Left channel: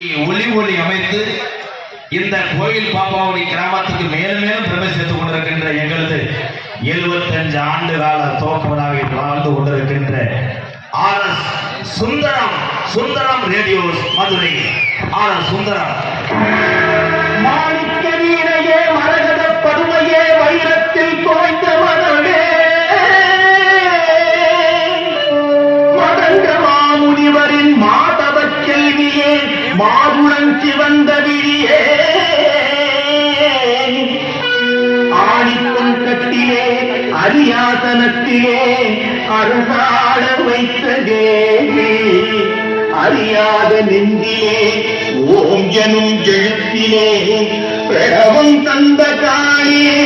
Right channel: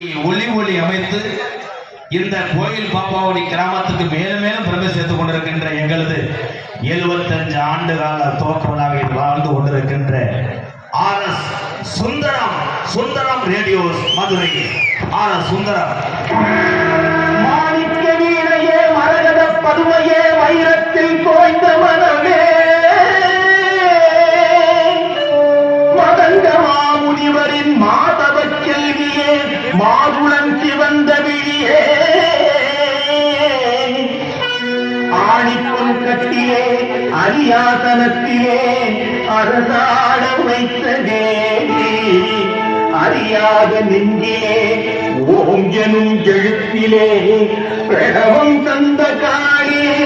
ஒளி ஒளி அமைத்து இந்த கோயில் பாப்பாவுடைய கிராமத்துக்கு மேலும் மேலும் பெருமை சேர்த்துக் கொண்டிருக்கின்ற எங்களது 75 ஆண்டு கால தோற்பனாவில் வாழ்ந்து கொண்டிருக்கின்ற RS Sundaram radio Madurai RS Sundaram. மாணிக்க வீணையே மரகத படுமையே வைரத்தில் தோய்ந்தவர்களே மதங்க மாமுனிவரின் மாதவ செல்வியே மாதுளம் சிவந்த விழியே ஆணிப்பொன் கட்டிலே அரியாசனத்திலே அரசாட வைத்த தேவி அறியாத நெஞ்சிலே ஓம் எனும் எழுத்திலே பிரணவம் தந்த காளியே